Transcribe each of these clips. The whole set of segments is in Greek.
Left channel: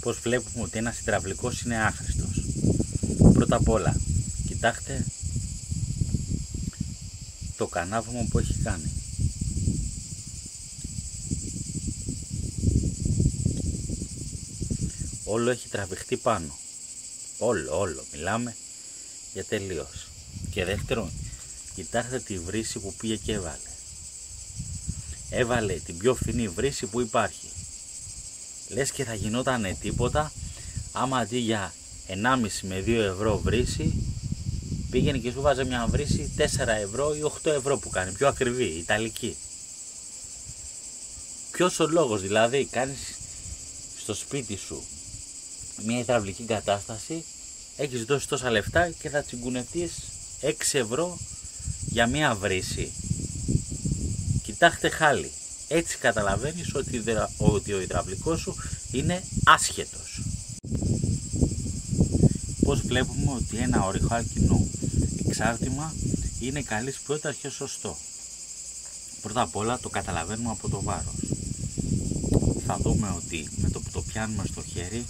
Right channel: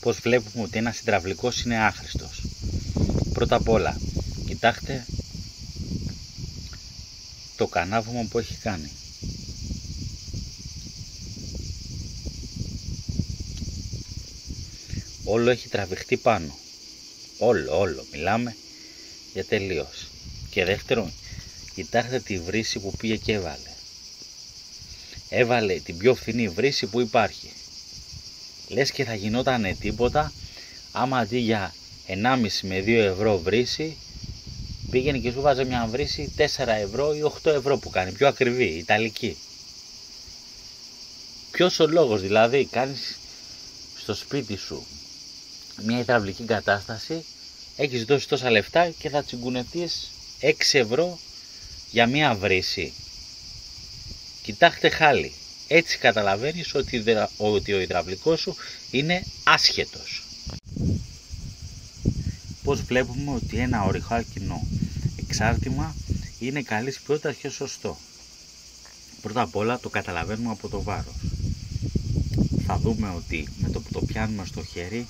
πως βλέπουμε ότι ένας υδραυλικός είναι άχρηστος? Πρώτα απ' όλα, κοιτάξτε το κανάβωμα που έχει κάνει. Όλο έχει τραβηχτεί πάνω. Όλο. Μιλάμε για τελείως. Και δεύτερον, κοιτάξτε τη βρύση που πήγε και έβαλε. Έβαλε την πιο φθηνή βρύση που υπάρχει. Λες και θα γινότανε τίποτα άμα αντί για 1,5 με 2 ευρώ βρύση πήγαινε και σου βάζε μια βρύση 4 ευρώ ή 8 ευρώ που κάνει, πιο ακριβή, ιταλική. Ποιος ο λόγος δηλαδή? Κάνεις στο σπίτι σου μια υδραυλική κατάσταση, έχεις δώσει τόσα λεφτά και θα τσιγκουνευτείς 6 ευρώ για μια βρύση. Κοιτάξτε χάλι. Έτσι καταλαβαίνεις ότι ο υδραυλικός σου είναι άσχετος. Πώς βλέπουμε ότι ένα ορυχάλκινο εξάρτημα είναι καλής ποιότητας και σωστό? Πρώτα απ' όλα το καταλαβαίνουμε από το βάρος. Θα δούμε ότι με το που το πιάνουμε στο χέρι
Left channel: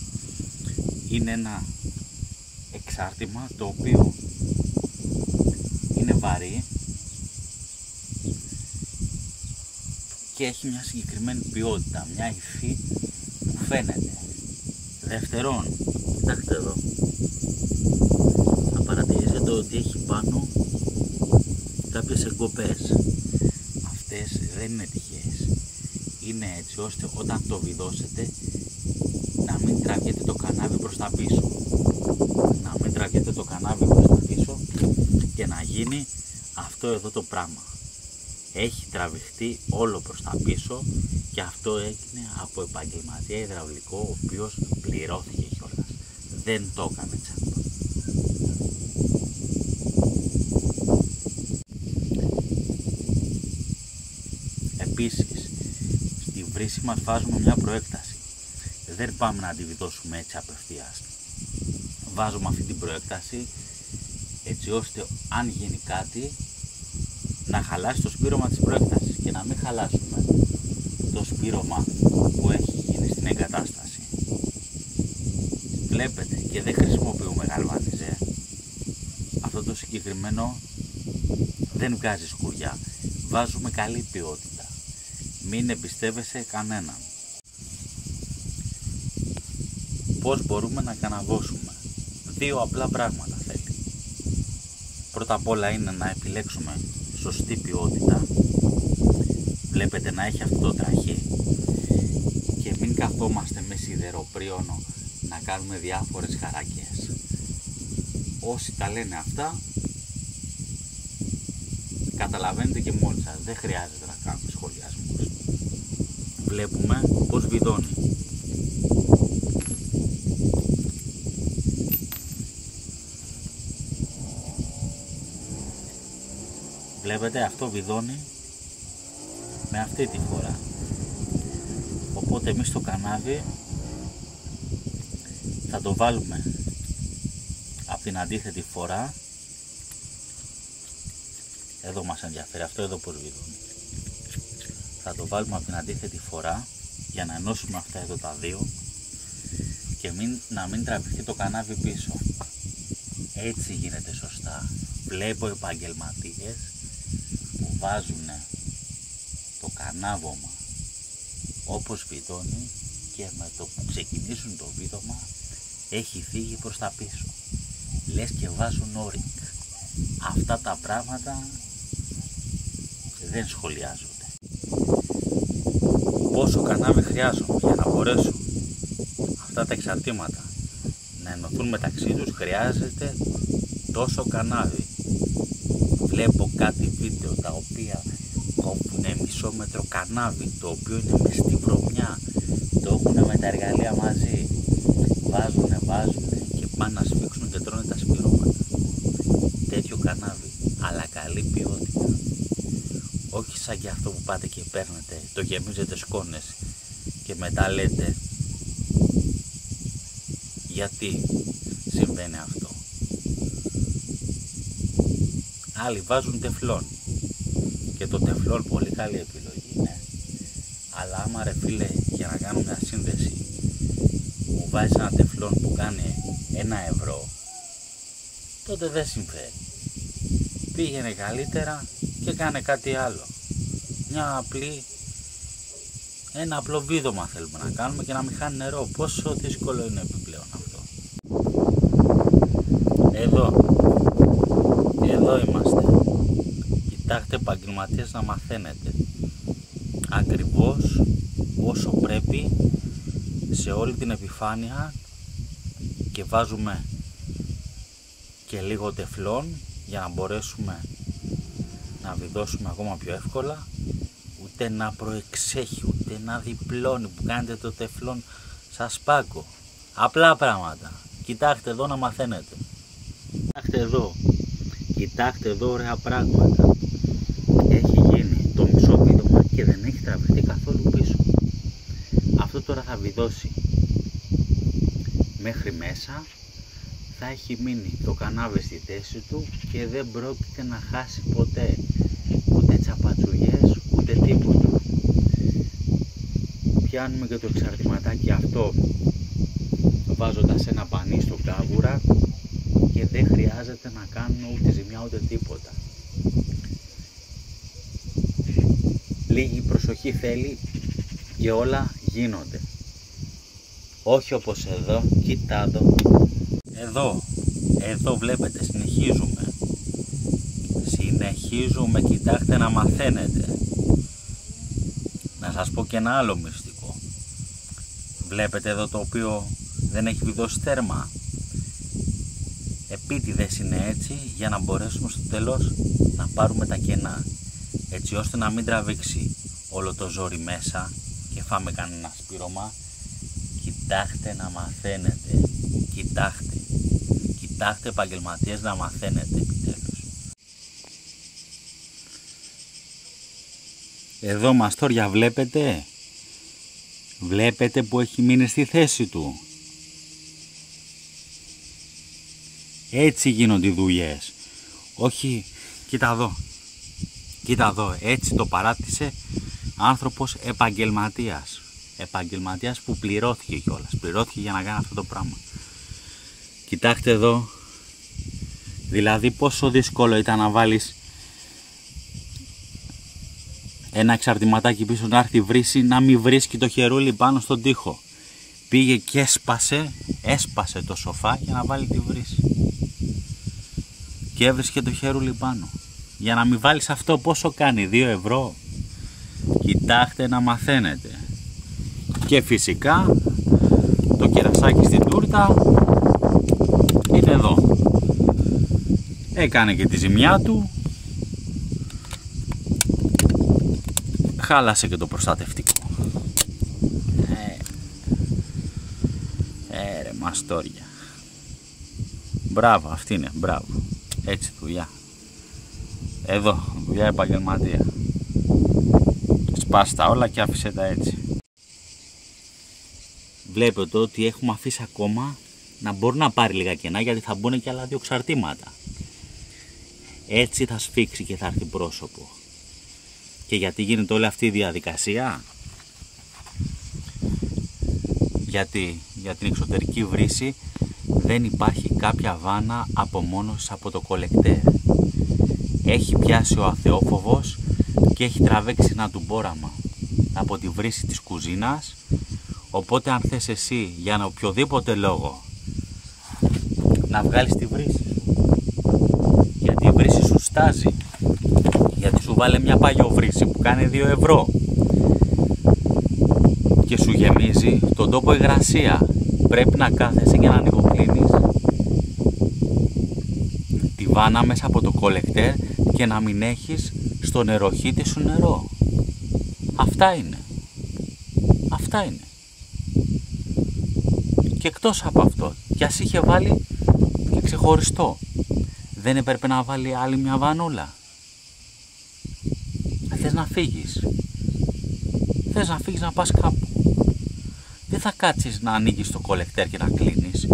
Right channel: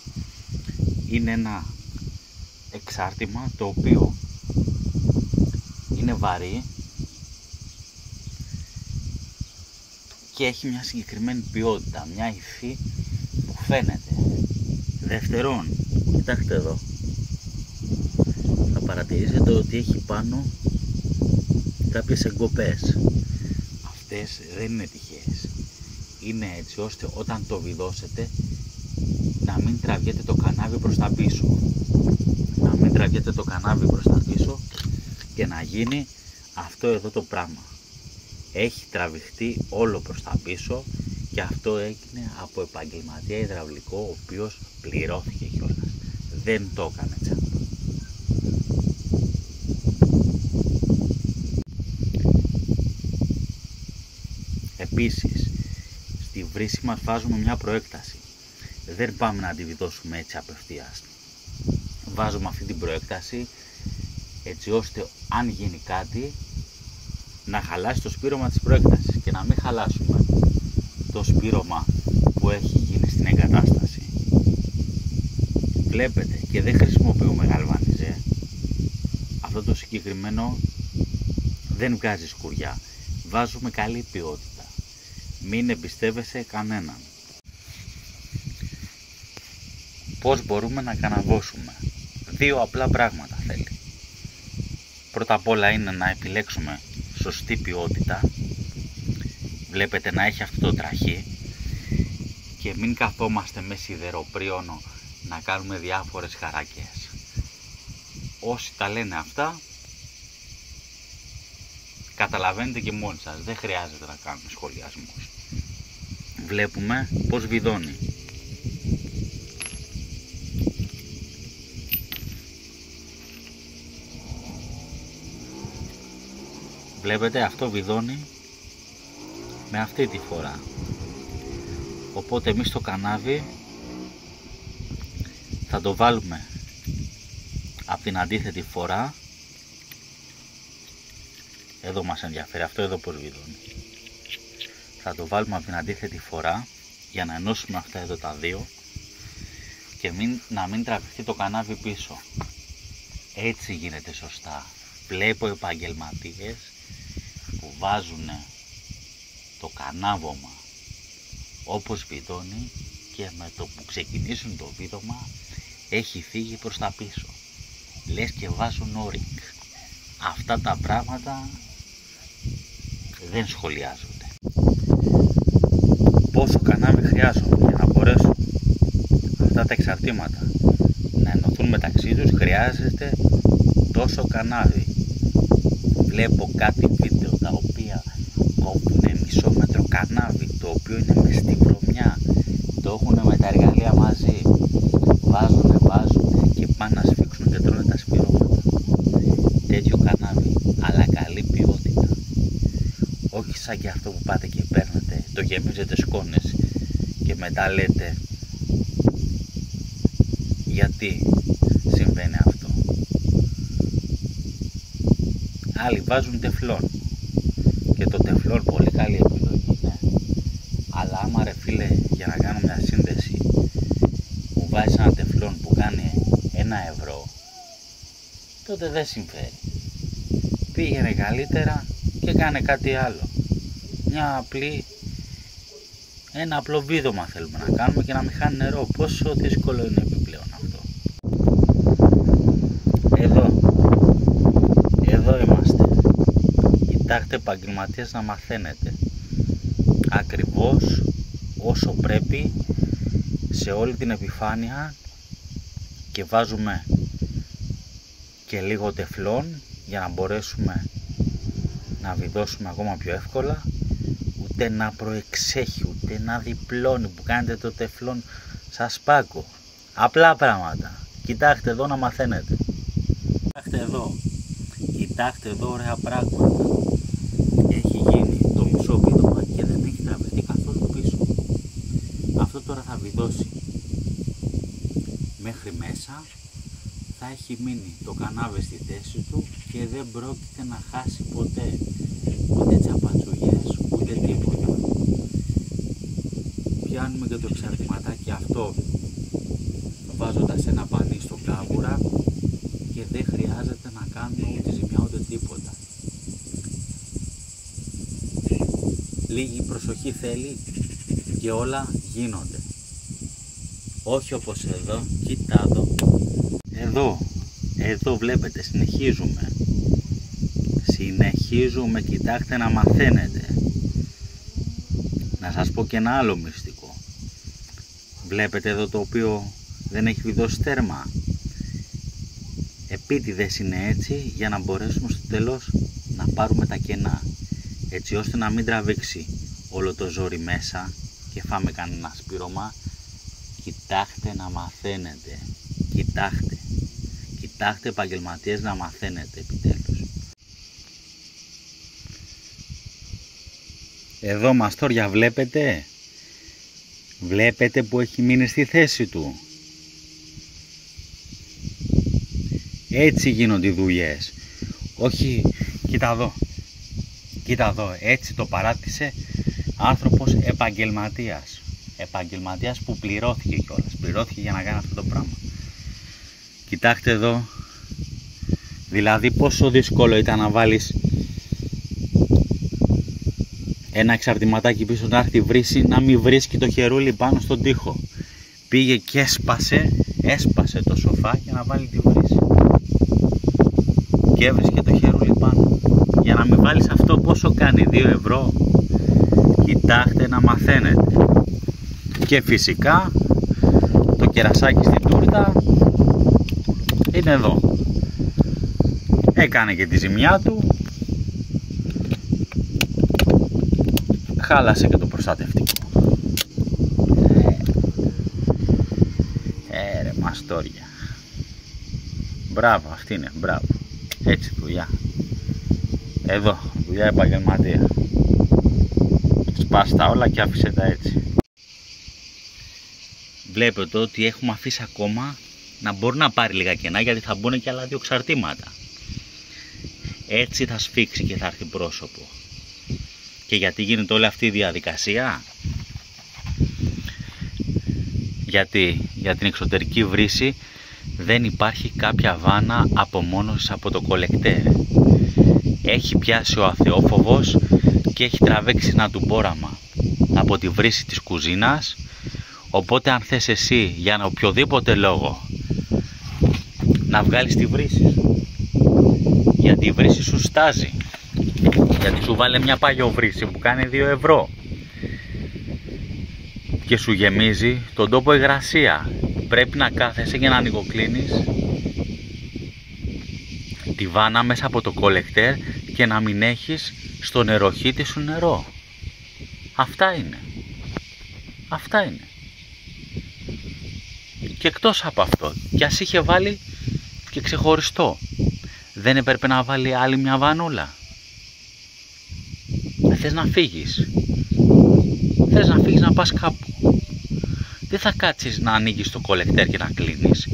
είναι ένα εξάρτημα το οποίο είναι βαρύ και έχει μια συγκεκριμένη ποιότητα, μια υφή που φαίνεται. Δεύτερον, κοιτάξτε εδώ, θα παρατηρήσετε ότι έχει πάνω κάποιες εγκοπές. Αυτές δεν είναι τυχαίες. Είναι έτσι ώστε όταν το βιδώσετε να μην τραβιέται το κανάβι προς τα πίσω. Να μην τραβιέται το κανάβι προς τα πίσω και να γίνει αυτό εδώ το πράγμα. Έχει τραβηχτεί όλο προς τα πίσω και αυτό έγινε από επαγγελματία υδραυλικό, ο οποίος πληρώθηκε κιόλας. Δεν το έκανε τσάμπα. Επίσης, στη βρύση μας βάζουμε μια προέκταση. Δεν πάμε να αντιβιδώσουμε έτσι απευθείας. Βάζουμε αυτή την προέκταση έτσι ώστε αν γίνει κάτι να χαλάσει το σπήρωμα της προέκτασης και να μην χαλάσουμε το σπήρωμα που έχει γίνει στην εγκατάσταση. Βλέπετε, και δεν χρησιμοποιούμε γαλβανιζέ. Αυτό το συγκεκριμένο δεν βγάζει σκουριά. Βάζουμε καλή ποιότητα. Μην εμπιστεύεσαι κανέναν. Πώς μπορούμε να καναβώσουμε? 2 απλά πράγματα θέλει. Πρώτα απ' όλα είναι να επιλέξουμε σωστή ποιότητα. Βλέπετε να έχει αυτό το τραχή και μην καθόμαστε με σιδεροπρίωνο να κάνουμε διάφορες χαρακές. Όσοι τα λένε αυτά καταλαβαίνετε και μόνοι σας, δεν χρειάζεται να κάνουμε σχολιασμούς. Βλέπουμε πως βιδώνει. Βλέπετε, αυτό βιδώνει με αυτή τη φορά. Οπότε εμείς το κανάβι θα το βάλουμε από την αντίθετη φορά. Εδώ μας ενδιαφέρει αυτό εδώ πως βιδώνει. Θα το βάλουμε από την αντίθετη φορά για να ενώσουμε αυτά εδώ τα δύο και να μην τραβηχτεί το κανάβι πίσω. Έτσι γίνεται σωστά. Βλέπω επαγγελματίες που βάζουν το κανάβωμα όπως βιδώνει και με το που ξεκινήσουν το βίδωμα έχει φύγει προς τα πίσω. Λες και βάζουν όρινγκ. Αυτά τα πράγματα δεν σχολιάζονται. Πόσο κανάβι χρειάζομαι για να μπορέσουν αυτά τα εξαρτήματα να ενωθούν μεταξύ τους? Χρειάζεται τόσο κανάβι. Βλέπω κάτι βίντεο τα οποία κόβουν μισό μέτρο κανάβι, το οποίο είναι μες στη βρωμιά, το έχουν με τα εργαλεία μαζί, βάζουν και πάνε να σφίξουν και τρώνε τα σπυρώματα. Τέτοιο κανάβι, αλλά καλή ποιότητα. Όχι σαν και αυτό που πάτε και παίρνετε, το γεμίζετε σκόνες και μετά λέτε γιατί συμβαίνει αυτό. Άλλοι βάζουν τεφλόν και το τεφλόν πολύ καλή επιλογή, ναι. Αλλά άμα ρε φίλε, για να κάνω μια σύνδεση μου βάζεις ένα τεφλόν που κάνει 1€, τότε δεν συμφέρει. Πήγαινε καλύτερα και κάνε κάτι άλλο. Ένα απλό βίδωμα θέλουμε να κάνουμε και να μην χάνει νερό. Πόσο δύσκολο είναι επιπλέον αυτό. Εδώ είμαστε. Κοιτάξτε επαγγελματίες να μαθαίνετε. Ακριβώς όσο πρέπει σε όλη την επιφάνεια και βάζουμε και λίγο τεφλόν για να μπορέσουμε να βιδώσουμε ακόμα πιο εύκολα. Ούτε να προεξέχει, ούτε να διπλώνει που κάνετε το τεφλόν σας πάγκο. Απλά πράγματα. Κοιτάξτε εδώ να μαθαίνετε. Κοιτάξτε εδώ ωραία πράγματα. Έχει γίνει το μισό βίδωμα και δεν έχει τραβηχτεί καθόλου πίσω. Αυτό τώρα θα βιδώσει μέχρι μέσα. Θα έχει μείνει το κανάβι στη θέση του και δεν πρόκειται να χάσει ποτέ ούτε τσαπατσουγιές ούτε τίποτα. Πιάνουμε και το εξαρτηματάκι αυτό βάζοντας ένα πανί στο κάβουρα και δεν χρειάζεται να κάνουμε ούτε ζημιά ούτε τίποτα. Λίγη προσοχή θέλει και όλα γίνονται. Όχι όπως εδώ, κοίτα εδώ βλέπετε, συνεχίζουμε, κοιτάξτε να μαθαίνετε. Να σας πω και ένα άλλο μυστικό. Βλέπετε εδώ το οποίο δεν έχει βιδώσει τέρμα. Επίτηδες είναι έτσι για να μπορέσουμε στο τέλος να πάρουμε τα κενά, έτσι ώστε να μην τραβήξει όλο το ζόρι μέσα και φάμε κανένα σπήρωμα. Κοιτάξτε να μαθαίνετε. Κοιτάξτε επαγγελματίες να μαθαίνετε επιτέλους. Εδώ μαστόρια βλέπετε που έχει μείνει στη θέση του. Έτσι γίνονται οι δουλειές. Όχι, κοίτα εδώ, έτσι το παράτησε άνθρωπος επαγγελματίας. Επαγγελματίας που πληρώθηκε κιόλας. Πληρώθηκε για να κάνει αυτό το πράγμα. Κοιτάξτε εδώ. Δηλαδή πόσο δύσκολο ήταν να βάλεις ένα εξαρτηματάκι πίσω να έρθει βρύση, να μην βρίσκει το χερούλι πάνω στον τοίχο. Πήγε και έσπασε το σοφά για να βάλει τη βρύση. Και έβρισκε το χερούλι πάνω. Για να μην βάλεις αυτό πόσο κάνει, 2€. Κοιτάξτε να μαθαίνετε. Και φυσικά το κερασάκι στην τούρτα είναι εδώ. Έκανε και τη ζημιά του. Χάλασε και το προστατευτικό. Ρε μαστόρια. Μπράβο, αυτή είναι, μπράβο. Έτσι δουλειά. Εδώ, δουλειά επαγγελματία. Σπάσε τα όλα και άφησε τα έτσι. Βλέπετε ότι έχουμε αφήσει ακόμα να μπορεί να πάρει λίγα κενά, γιατί θα μπουν και άλλα 2 εξαρτήματα. Έτσι θα σφίξει και θα έρθει πρόσωπο. Και γιατί γίνεται όλη αυτή η διαδικασία? Γιατί για την εξωτερική βρύση δεν υπάρχει κάποια βάνα απομόνωσης από το κολεκτέρ. Έχει πιάσει ο αθεόφοβος και έχει τραβήξει ένα τουμπόραμα από τη βρύση της κουζίνας. Οπότε αν θες εσύ για ένα οποιοδήποτε λόγο να βγάλεις τη βρύση σου, γιατί η βρύση σου στάζει, γιατί σου βάλε μια παλιοβρύση που κάνει 2€, και σου γεμίζει τον τόπο υγρασία, πρέπει να κάθεσαι και να ανοιγοκλίνεις τη βάνα μέσα από το κολεκτέρ και να μην έχεις στο νεροχύτη σου νερό. Αυτά είναι. Και εκτός από αυτό, κι ας είχε βάλει και ξεχωριστό, δεν έπρεπε να βάλει άλλη μια βανούλα? Θες να φύγεις να πας κάπου, δεν θα κάτσεις να ανοίγεις το κολεκτέρ και να κλείνεις.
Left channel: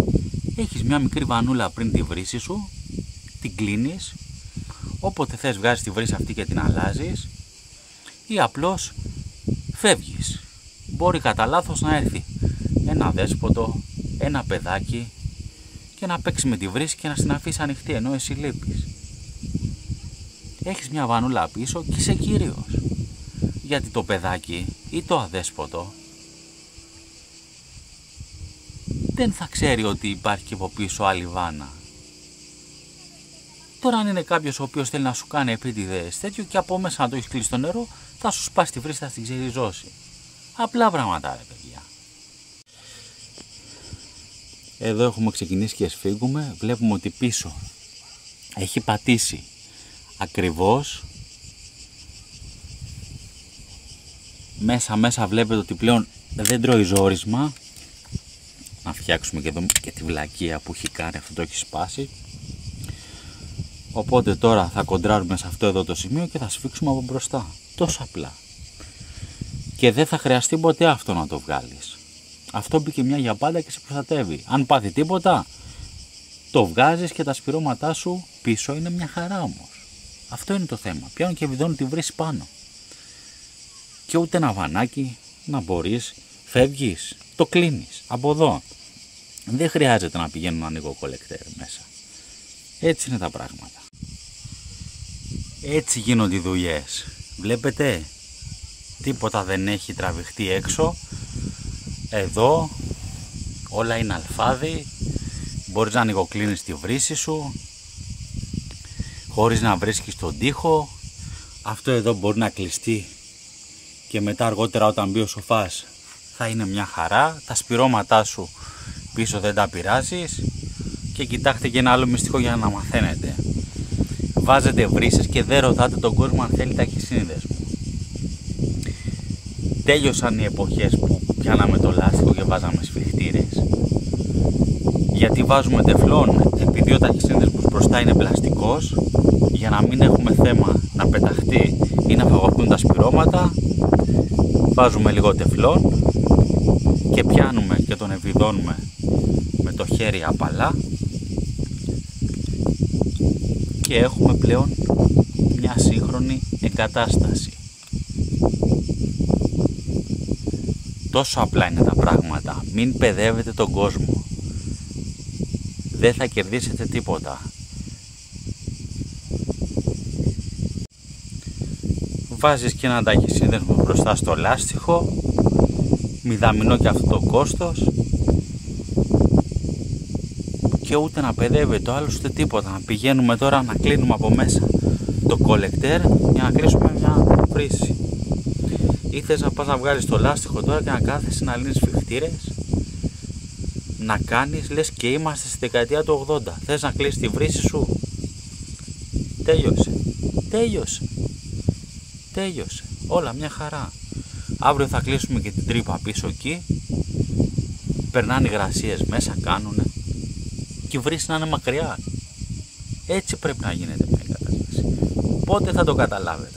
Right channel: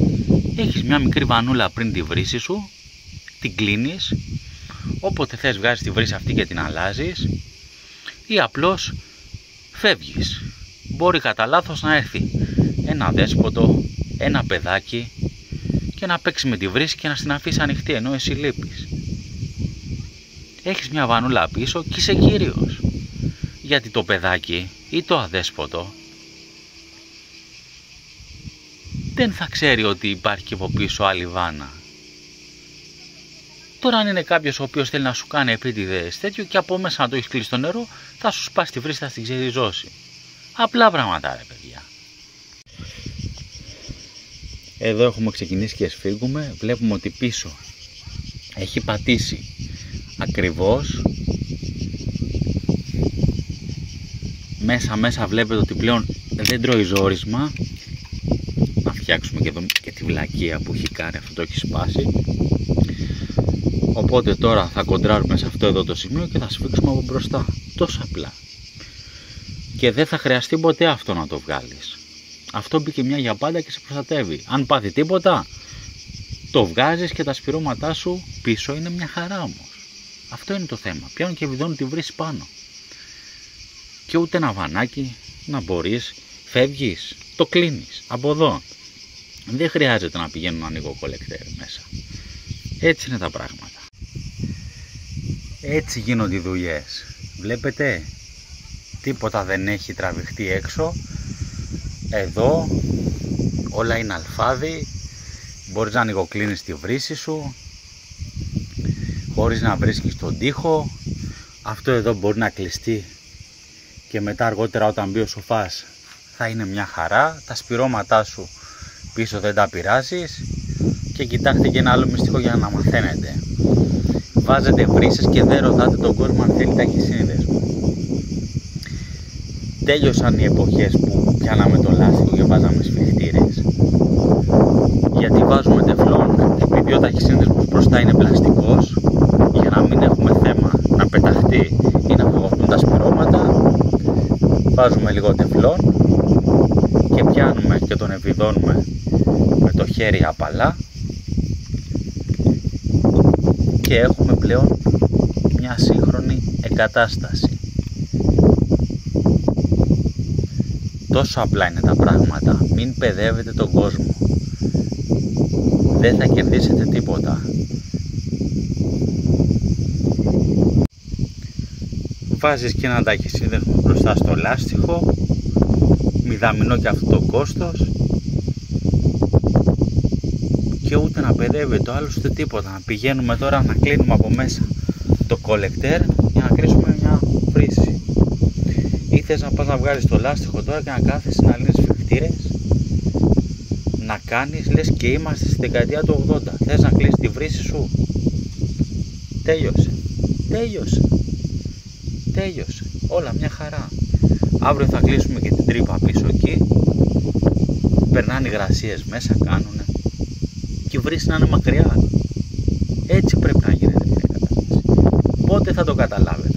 Έχεις μια μικρή βανούλα πριν τη βρύση σου, την κλείνεις, όποτε θες βγάζεις τη βρύση αυτή και την αλλάζεις, ή απλώς φεύγεις. Μπορεί κατά λάθος να έρθει ένα δέσποτο, ένα παιδάκι και να παίξει με τη βρύση και να την αφήσει ανοιχτή ενώ εσύ λείπεις. Έχεις μια βανούλα πίσω και είσαι κύριος. Γιατί το παιδάκι ή το αδέσποτο δεν θα ξέρει ότι υπάρχει και από πίσω άλλη βάνα. Τώρα αν είναι κάποιος ο οποίος θέλει να σου κάνει επίτηδες τέτοιο και από μέσα να το έχεις κλείσει στο νερό, θα σου σπάσει τη βρύση, θα στην ξεριζώσει. Απλά πράγματα ρε παιδιά. Εδώ έχουμε ξεκινήσει και σφίγγουμε. Βλέπουμε ότι πίσω έχει πατήσει ακριβώς. Μέσα βλέπετε ότι πλέον δεν τρώει ζόρισμα. Να φτιάξουμε και εδώ και τη βλακεία που έχει κάνει, αυτό το έχει σπάσει. Οπότε τώρα θα κοντράρουμε σε αυτό εδώ το σημείο και θα σφίξουμε από μπροστά. Τόσο απλά. Και δεν θα χρειαστεί ποτέ αυτό να το βγάλεις. Αυτό μπήκε μια για πάντα και σε προστατεύει. Αν πάθει τίποτα, το βγάζεις και τα σπυρώματά σου πίσω είναι μια χαρά όμως. Αυτό είναι το θέμα. Πιάνουν και βιδώνουν τη βρύση πάνω. Και ούτε ένα βανάκι να μπορείς, φεύγεις, το κλείνεις από εδώ. Δεν χρειάζεται να πηγαίνουν να ανοίγω κολεκτέρ μέσα. Έτσι είναι τα πράγματα. Έτσι γίνονται οι δουλειές. Βλέπετε, τίποτα δεν έχει τραβηχτεί έξω. Εδώ όλα είναι αλφάδι. Μπορείς να ανοιγοκλίνεις τη βρύση σου χωρίς να βρίσκεις τον τοίχο. Αυτό εδώ μπορεί να κλειστεί και μετά αργότερα όταν μπει ο σοφάς θα είναι μια χαρά. Τα σπυρώματά σου πίσω δεν τα πειράζεις. Και κοιτάξτε και ένα άλλο μυστικό για να μαθαίνετε. Βάζετε βρύσες και δεν ρωτάτε τον κόσμο αν θέλει ταχυσύνδεσμο. Τέλειωσαν οι εποχές που πιάναμε το λάστιχο και βάζαμε σφιχτήρες. Γιατί βάζουμε τεφλόν, επειδή ο ταχυσύνδεσμος μπροστά είναι πλαστικός, για να μην έχουμε θέμα να πεταχτεί ή να φαγωθούν τα σπυρώματα, βάζουμε λίγο τεφλόν και πιάνουμε και τον ευηδώνουμε με το χέρι απαλά και έχουμε πλέον μια σύγχρονη εγκατάσταση. Τόσο απλά είναι τα πράγματα. Μην παιδεύετε τον κόσμο. Δεν θα κερδίσετε τίποτα. Βάζεις και ένα ταχυσύνδεσμο μπροστά στο λάστιχο. Μηδαμινό και αυτό το κόστος. Και ούτε να παιδεύει το άλλο ούτε τίποτα. Να πηγαίνουμε τώρα να κλείνουμε από μέσα το κολεκτέρ για να κλείσουμε μια βρύση. Ή θες να πας να βγάλεις το λάστιχο τώρα και να κάθεσαι να λύνεις σφιχτήρες, να κάνεις λες και είμαστε στη δεκαετία του 80. Θες να κλείσεις τη βρύση σου. Τέλειωσε. Όλα μια χαρά. Αύριο θα κλείσουμε και την τρύπα πίσω εκεί. Περνάνε υγρασίες μέσα, κάνουνε. Και η βρύση να είναι μακριά. Έτσι πρέπει να γίνεται μια κατάσταση. Πότε θα το καταλάβετε?